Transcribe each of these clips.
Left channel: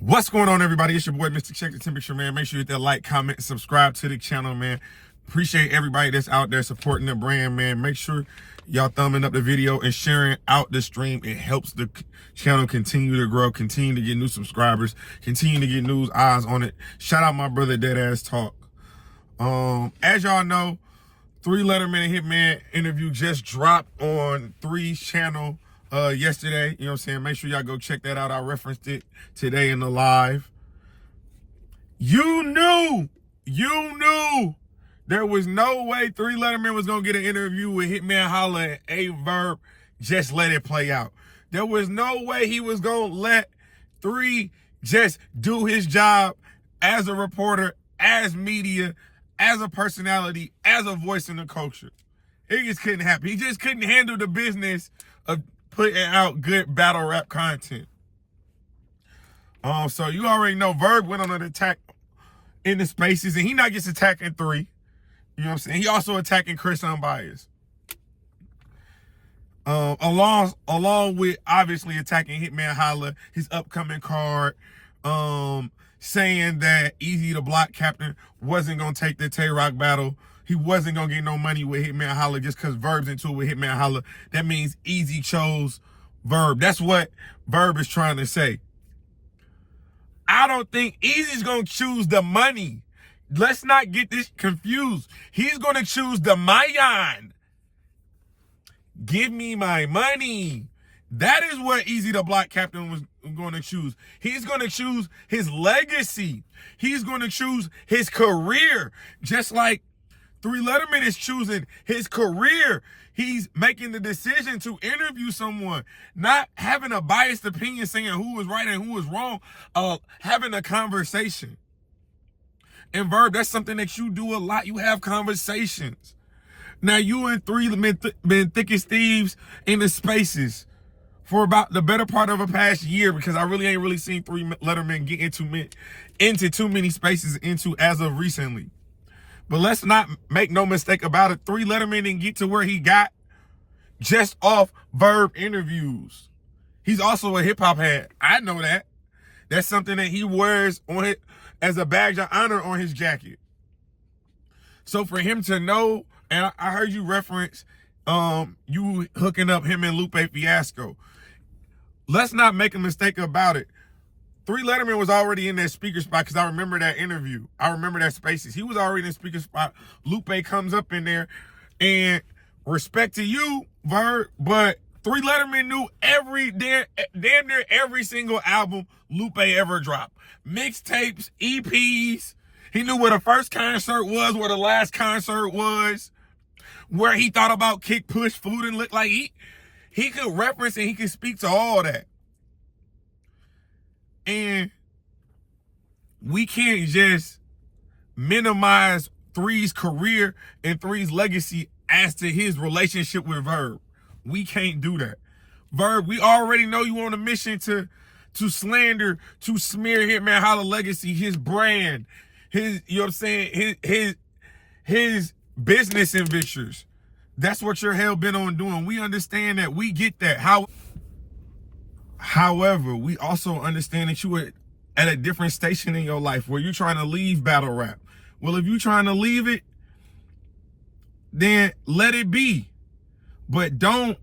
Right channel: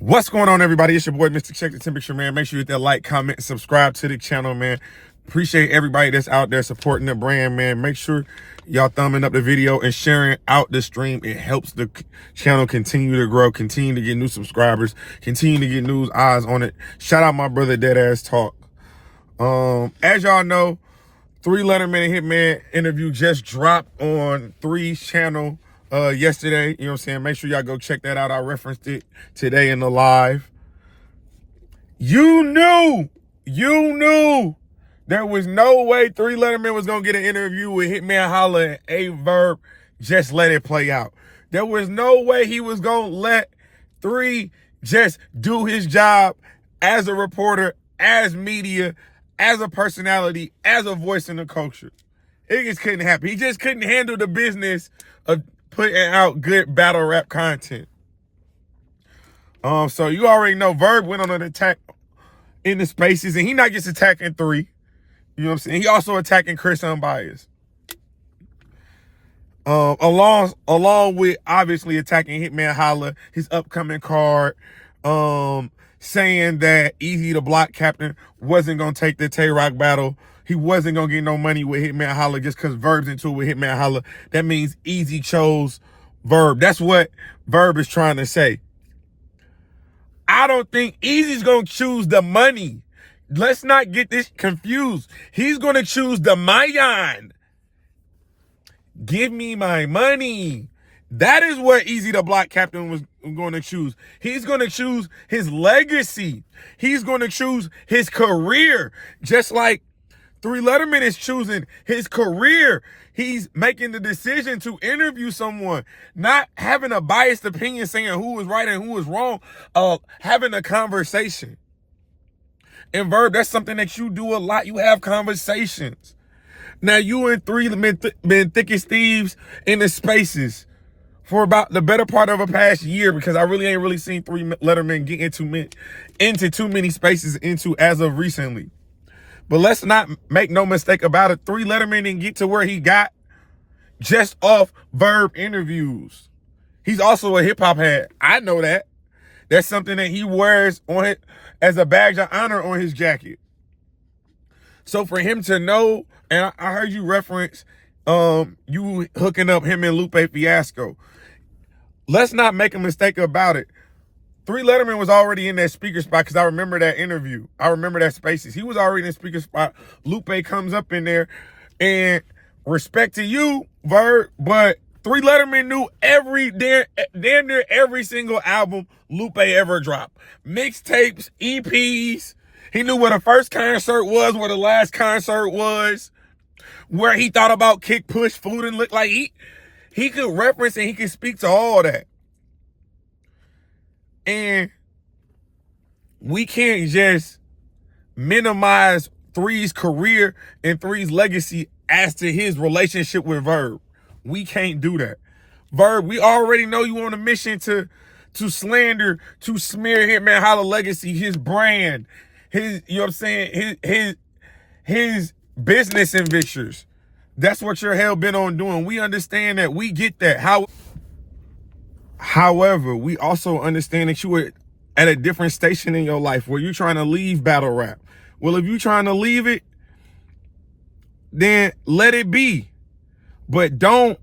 What's going on, everybody? It's your boy, Mr. Check the Temperature, man. Make sure you hit that like, comment, and subscribe to the channel, man. Appreciate everybody that's out there supporting the brand, man. Make sure y'all thumbing up the video and sharing out the stream. It helps the channel continue to grow, continue to get new subscribers, continue to get new eyes on it. Shout out my brother, Deadass Talk. As y'all know, 3 Letterman and Hitman interview just dropped on 3's channel yesterday. You know what I'm saying? Make sure y'all go check that out. I referenced it today in the live. You knew there was no way 3 Letterman was gonna get an interview with Hitman Holla and VERB. Just let it play out. There was no way he was gonna let 3 just do his job as a reporter, as media, as a personality, as a voice in the culture. It just couldn't happen. He just couldn't handle the business of putting out good battle rap content. So you already know VERB went on an attack in the spaces, and he not just attacking 3. You know what I'm saying? He also attacking Chris UNBIAS. Along with obviously attacking Hitman Holla, his upcoming card, saying that Easy the Block Captain wasn't gonna take the Tay-Rock battle. He wasn't gonna get no money with Hitman Holla just because VERB's into it with Hitman Holla. That means Easy chose VERB. That's what VERB is trying to say. I don't think Easy's gonna choose the money. Let's not get this confused. He's gonna choose the mayan. Give me my money. That is what Easy the Block Captain was going to choose. He's going to choose his legacy. He's going to choose his career. Just like 3 Letterman is choosing his career. He's making the decision to interview someone, not having a biased opinion saying who was right and who was wrong, having a conversation. And VERB, that's something that you do a lot. You have conversations. Now, you and 3 been thick as thieves in the spaces for about the better part of a past year, because I really ain't seen 3 Letterman get into too many spaces as of recently. But let's not make no mistake about it. 3 Letterman didn't get to where he got just off VERB interviews. He's also a hip hop head. I know that. That's something that he wears on it as a badge of honor on his jacket. So for him to know, and I heard you reference you hooking up him and Lupe Fiasco. Let's not make a mistake about it. 3 Letterman was already in that speaker spot, because I remember that interview. I remember that spaces. He was already in the speaker spot. Lupe comes up in there, and respect to you, VERB, but 3 Letterman knew damn near every single album Lupe ever dropped. Mixtapes, EPs. He knew where the first concert was, where the last concert was, where he thought about Kick, Push, Food, and Look. Like he could reference and he could speak to all that. And we can't just minimize 3's career and 3's legacy as to his relationship with VERB. We can't do that. VERB, we already know you on a mission to slander, to smear Hitman Holla legacy, his brand, his, you know what I'm saying, his business ventures. That's what you're hell bent on doing. We understand that. We get that. However, we also understand that you were at a different station in your life where you're trying to leave battle rap. Well, if you're trying to leave it, then let it be. But don't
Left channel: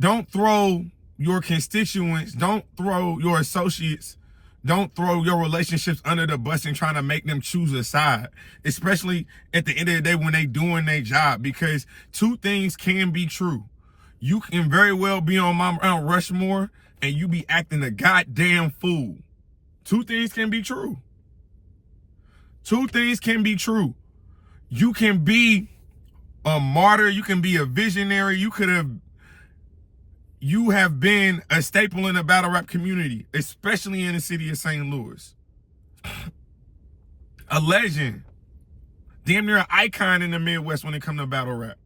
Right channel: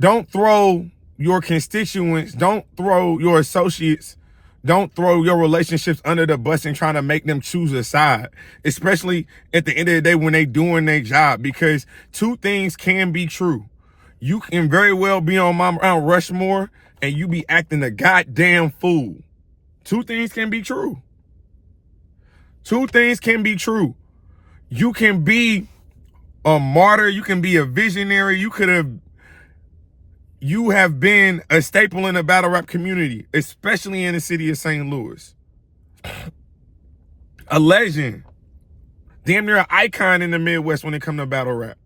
throw your constituents, don't throw your associates, don't throw your relationships under the bus and trying to make them choose a side, especially at the end of the day when they doing their job, because 2 things can be true. You can very well be on Mount Rushmore and you be acting a goddamn fool. 2 things can be true. 2 things can be true. You can be a martyr. You can be a visionary. You have been a staple in the battle rap community, especially in the city of St. Louis. A legend. Damn near an icon in the Midwest when it comes to battle rap.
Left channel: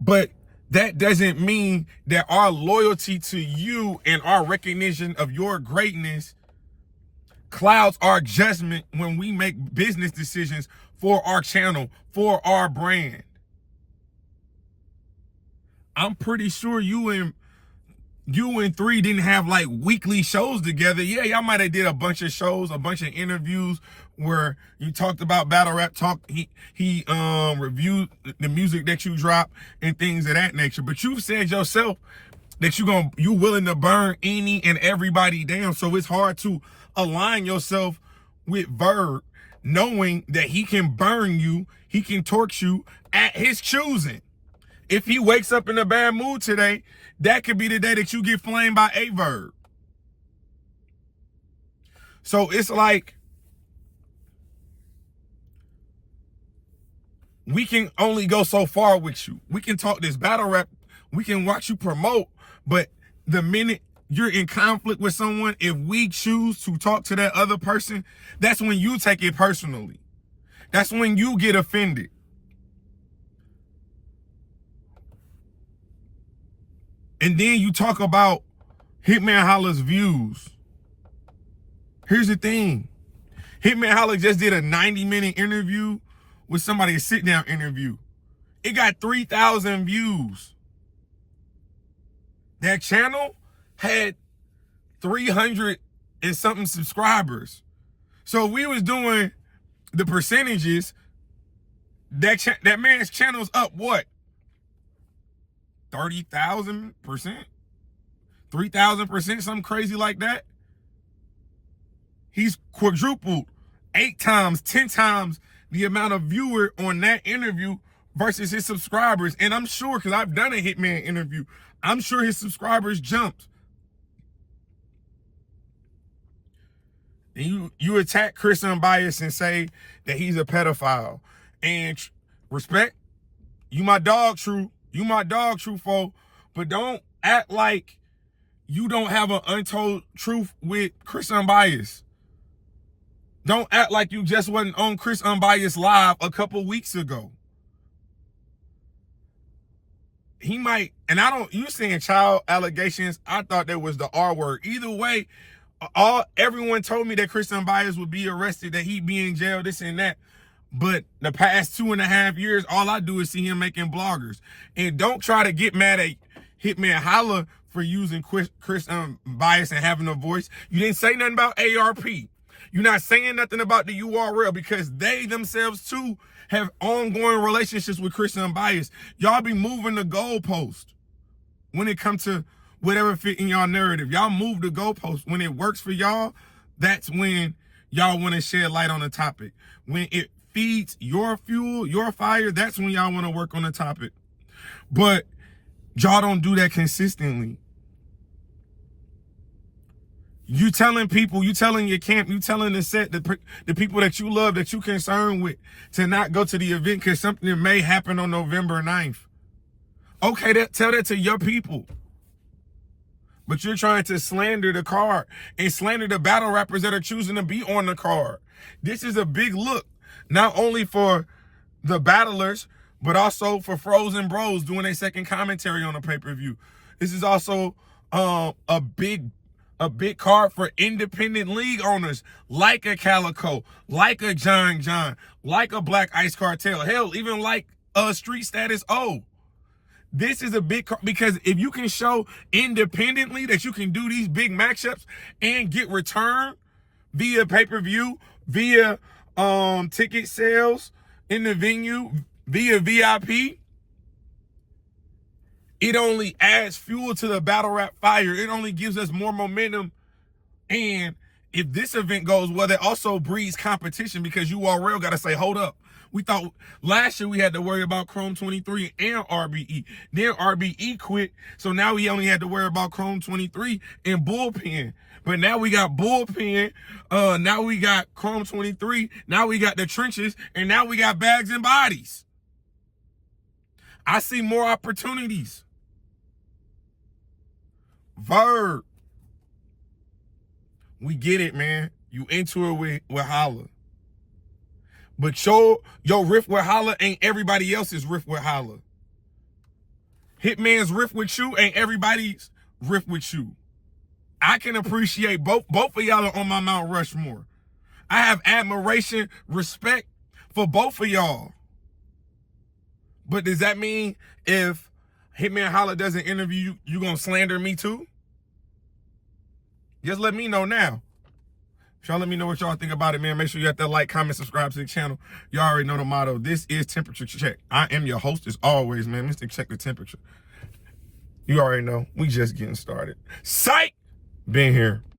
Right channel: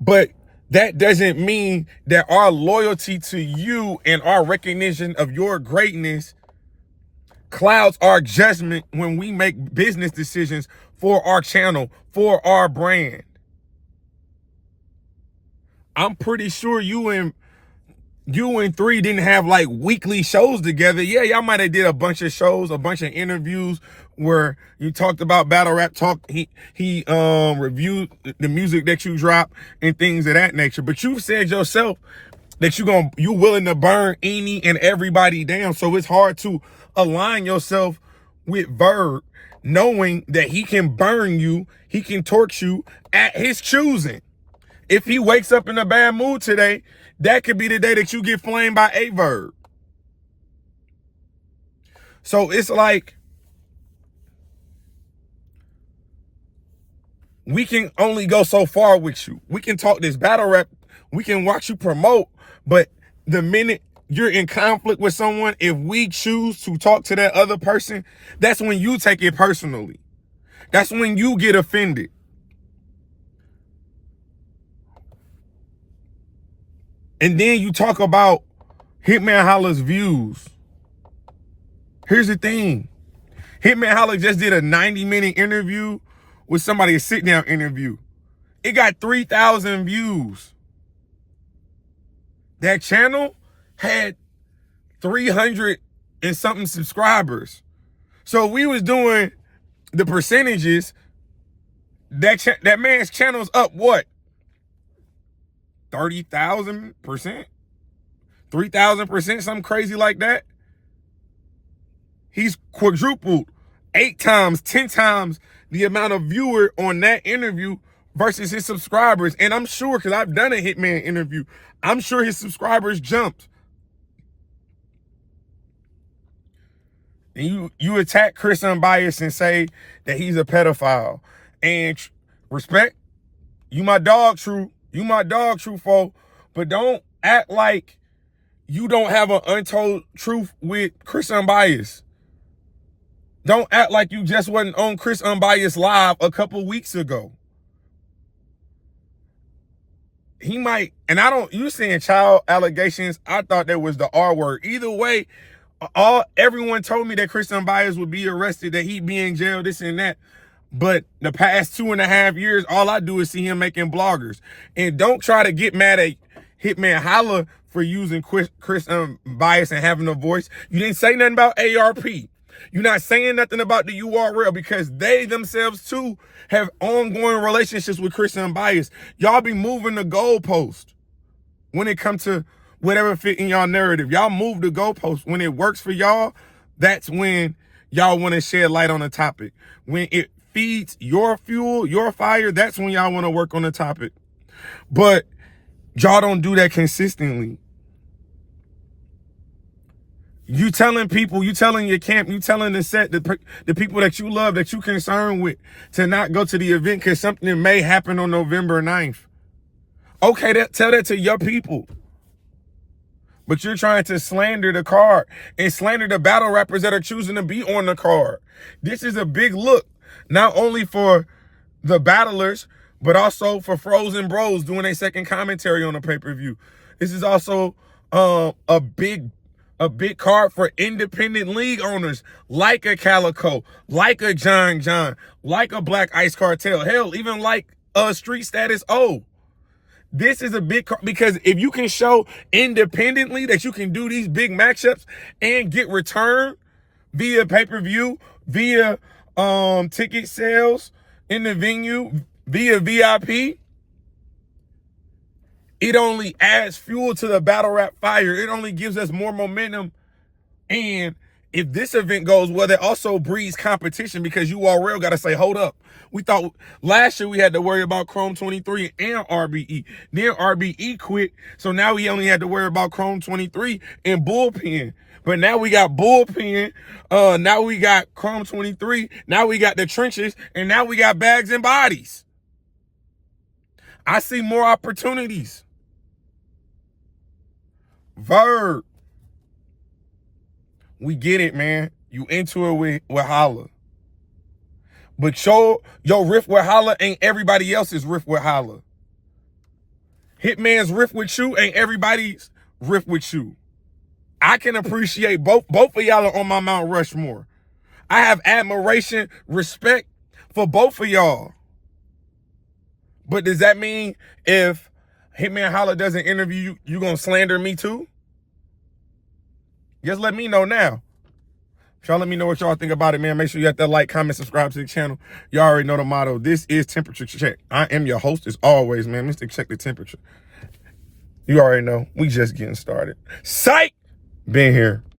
But that doesn't mean that our loyalty to you and our recognition of your greatness clouds our judgment when we make business decisions for our channel, for our brand. I'm pretty sure you and you and 3 didn't have like weekly shows together, yeah, y'all might have did a bunch of shows, a bunch of interviews where you talked about battle rap talk. He reviewed the music that you drop and things of that nature. But you've said yourself that you willing to burn any and everybody down. So it's hard to align yourself with VERB, knowing that he can burn you, he can torch you at his choosing. If he wakes up in a bad mood today, that could be the day that you get flamed by a VERB. So it's like, we can only go so far with you. We can talk this battle rap, we can watch you promote, but the minute you're in conflict with someone, if we choose to talk to that other person, that's when you take it personally. That's when you get offended. And then you talk about Hitman Holla's views. Here's the thing. Hitman Holla just did a 90-minute interview with somebody, a sit-down interview. It got 3,000 views. That channel had 300 and something subscribers. So if we was doing the percentages, that man's channel's up what? 30,000%? 3,000%, something crazy like that. He's quadrupled 8 times, 10 times the amount of viewer on that interview versus his subscribers. And I'm sure, because I've done a Hitman interview, I'm sure his subscribers jumped. And you attack Chris Unbiased and say that he's a pedophile. And respect, you my dog, True. You my dog, True foe. But don't act like you don't have an untold truth with Chris Unbiased. Don't act like you just wasn't on Chris Unbiased Live a couple weeks ago. He might, and you saying child allegations, I thought that was the R word. Either way, everyone told me that Chris Unbiased would be arrested, that he'd be in jail, this and that. But the past 2.5 years, all I do is see him making bloggers. And don't try to get mad at Hitman Holla for using Chris Unbiased and having a voice. You didn't say nothing about ARP. You're not saying nothing about the URL because they themselves too have ongoing relationships with Chris Unbiased. Y'all be moving the goalpost when it comes to whatever fit in y'all narrative. Y'all move the goalpost. When it works for y'all, that's when y'all want to shed light on the topic. When it feeds your fuel, your fire, that's when y'all want to work on the topic. But y'all don't do that consistently. You telling people, you telling your camp, you telling the set, the people that you love, that you concerned with, to not go to the event because something may happen on November 9th. Okay, tell that to your people. But you're trying to slander the card and slander the battle rappers that are choosing to be on the card. This is a big look, not only for the battlers, but also for Frozen Bros doing a second commentary on the pay-per-view. This is also a big card for independent league owners like a Calico, like a John, like a Black Ice Cartel, hell, even like a Street Status O. This is a big card because if you can show independently that you can do these big matchups and get return via pay-per-view, via ticket sales in the venue, via VIP, it only adds fuel to the battle rap fire. It only gives us more momentum. And if this event goes well, it also breeds competition because URL got to say, hold up. We thought last year we had to worry about Chrome 23 and RBE. Then RBE quit. So now we only had to worry about Chrome 23 and Bullpen. But now we got Bullpen. Now we got Chrome 23. Now we got the Trenches. And now we got Bags and Bodies. I see more opportunities. VERB. We get it, man. You into it with Holla. But your riff with Holla ain't everybody else's riff with Holla. Hitman's riff with you ain't everybody's riff with you. I can appreciate both of y'all are on my Mount Rushmore. I have admiration, respect for both of y'all. But does that mean if Hitman Holla does an interview, you gonna slander me too? Just let me know now. Y'all let me know what y'all think about it, man. Make sure you hit that like, comment, subscribe to the channel. Y'all already know the motto. This is Temperature Check. I am your host as always, man. Mr. Check the Temperature. You already know. We just getting started. Psych! Been here.